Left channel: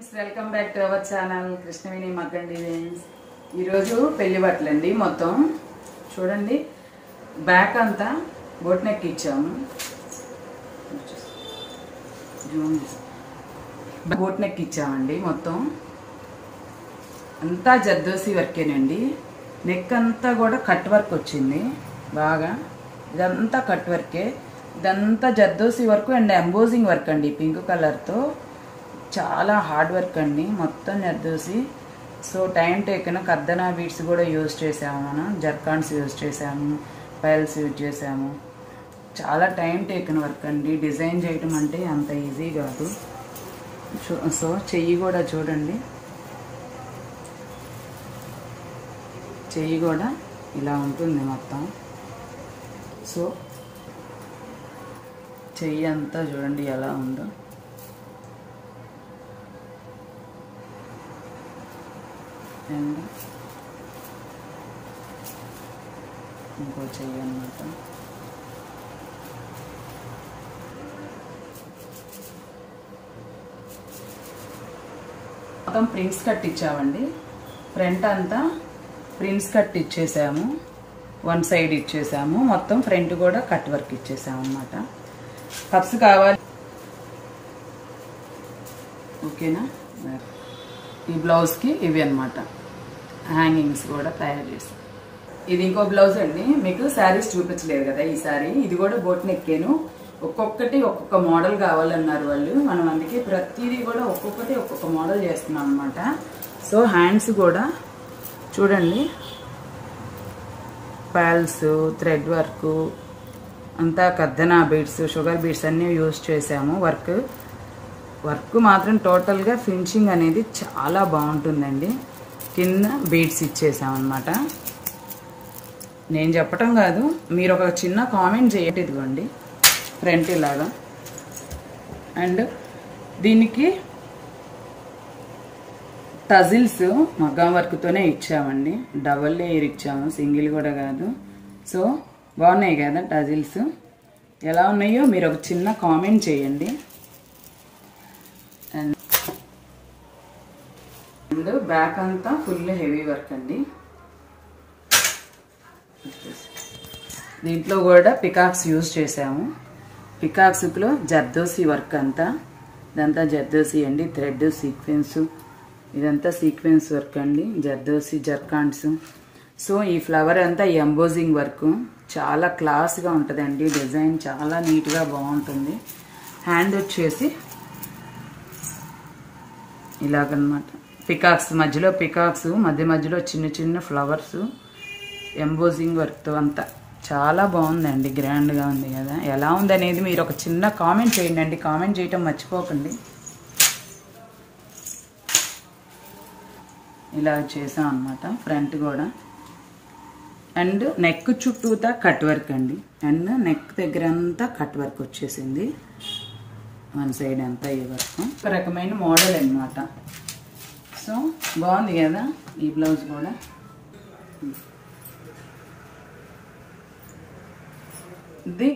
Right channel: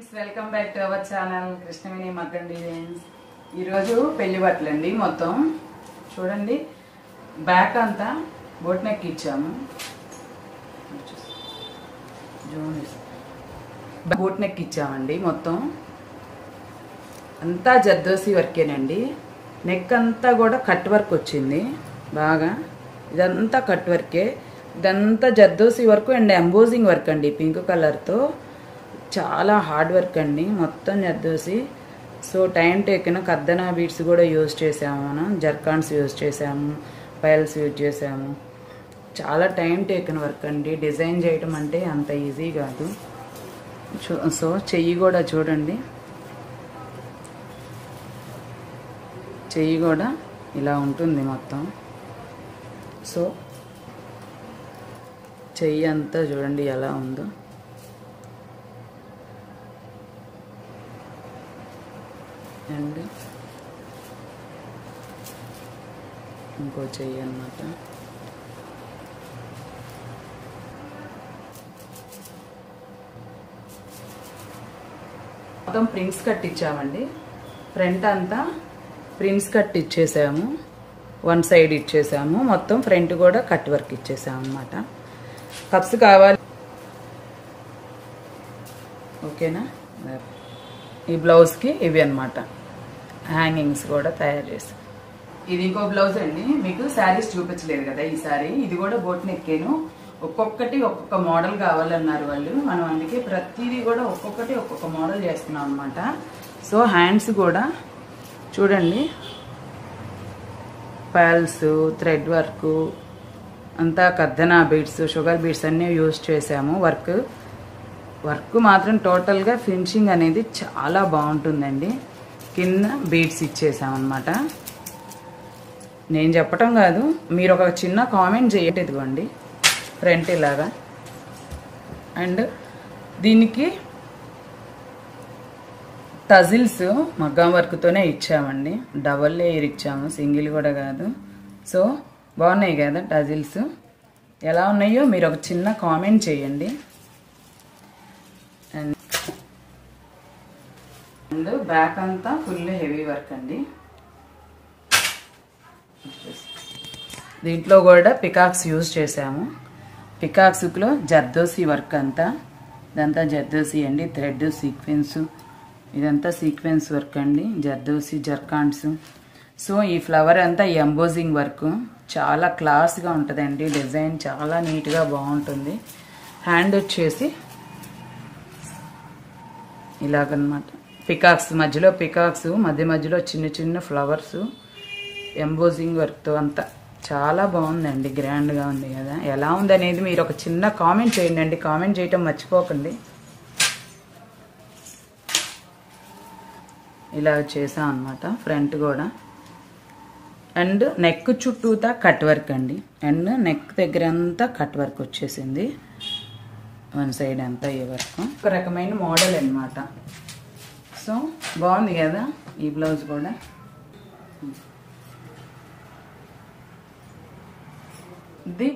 Friends welcome back to our channel Krishnaveni మగ్గం designs. ఈరోజు పెళ్లి బట్టలండి. మొత్తం చూడండి, బ్యాక్ అంతా బోట్ నెక్ ఇచ్చాము. బోట్ నెక్ ఇచ్చామండి. మొత్తం అంతా జర్దోసి వర్కేనండి. నెక్ అంతా కూడా కట్ వర్క్ వచ్చింది బాగా. ఇదంతా కట్ వర్కే, ఇదంతా zardozi work and embossing work అండి. పింక్ కలర్తో చాలా హార్డ్ వర్క్ అండి. మొత్తం జర్దోసి. సో టైం టేకన్ కర్దనా బీడ్స్ కూడా యూజ్ చేసాము, మనం జర్కాన్స్ యూజ్ చేసాము, పైల్స్ యూజ్ చేసాము. చాలా టైం టేకన్ వర్క్ అండి. డిజైన్ చేయటం అంటే అంత ఈజీ కాదు. సో చెయ్యి కూడా చూడండి, చెయ్యి కూడా ఇలా ఉంటుంది మొత్తం. సో చెయ్యి అంతా చూడండి ఎలా ఉందో. అండ్ ఇంకో చెయ్యి అన్నమాట. మొత్తం ప్రిన్స్ కట్ ఇచ్చామండి. ఫ్రంట్ అంతా ప్రిన్స్ కట్ ఇచ్చేసాము, వన్ సైడ్ ఇచ్చేసాము. మొత్తం ఫ్రంట్ కూడా కట్ వర్క్ ఇచ్చేసాము అన్నమాట. కప్స్ కావాలి, ఓకేనా. ఈ బ్లౌజ్కి ఇవి అన్నమాట హ్యాంగింగ్స్ కూడా తయారు చేసాం. ఇది ఇంకో బ్లౌజ్ అండి. మీకు శారీస్ చూపించలేదు కదా ఈసారి. ఇది కూడా బోట్ నెక్కేను. ఒక్కొక్కటి ఒక్కొక్క మోడల్ కావాలన్నారు వాళ్ళు. మనం అందుకే ప్రతిదీ కూడా ఒక్కొక్కటి ఒక్కొక్క మోడల్ చేస్తున్నాం అన్నమాట. సో హ్యాండ్స్ కూడా చూడండి, పర్ల్స్, థ్రెడ్ వర్క్ అంతా, కర్దనా బీడ్స్, షుగర్ బీడ్స్ అన్నీ యూజ్ చేసాము. వర్క్ మాత్రం టోటల్గా ఫినిషింగ్ అనేది చాలా బాగుంటుందండి. కింద బీడ్స్ ఇచ్చేసామన్నమాట. నేను చెప్పటం కాదు, మీరు ఒక చిన్న కామెంట్ చేయండి. ఇదిగోండి ఫ్రంట్ ఇలాగా. అండ్ దీనికి టజిల్స్ మగ్గం వర్క్తోనే ఇచ్చామండి. డబల్ లేయర్ ఇచ్చాము, సింగిల్ కూడా కాదు. సో బాగున్నాయి కదా టజిల్స్. ఎలా ఉన్నాయో మీరు ఒక చిన్న కామెంట్ చేయండి. అండ్ బ్యాక్ అంతా ఫుల్ హెవీ వర్క్ అండి. దీంట్లో కూడా పికాక్స్ యూజ్ చేసాము. పికాక్స్లో జర్దోసి వర్క్ అంతా, ఇదంతా జర్దోసి అండి. థ్రెడ్ సీక్వెన్స్, ఇదంతా సీక్వెన్స్ వర్క్ అండి. జర్దోసి జర్కాన్స్. సో ఈ ఫ్లవర్ అంతా ఎంబోజింగ్ వర్క్ చాలా క్లాస్గా ఉంటుందండి. డిజైన్ చాలా నీట్గా బాగుంటుంది. హ్యాండ్ వచ్చేసి ఇలాగనమాట. పికాక్స్ మధ్యలో, పికాక్స్ మధ్యలో చిన్న చిన్న ఫ్లవర్స్ ఎంబోజింగ్ వర్క్తో అంతా చాలా బాగుందండి. గ్రాండ్గా ఉంది కదా. ఎలా ఉందనేది మీరు ఒక చిన్న కామెంట్ చేయండి. కామెంట్ చేయటం మర్చిపోకండి. ఇలా చేసాం అన్నమాట ఫ్రంట్ కూడా. అండ్ నెక్ చుట్టూతా కట్ వర్క్ అండి. అండ్ నెక్ దగ్గర అంతా కట్ వర్క్ వచ్చేసింది. వన్ సైడ్ అంతా ఈ వర్క్. ఒక రకమైన మోడల్ అన్నమాట. సో బాగుంది కదా ఈ బ్లౌజ్ కూడా. ఇది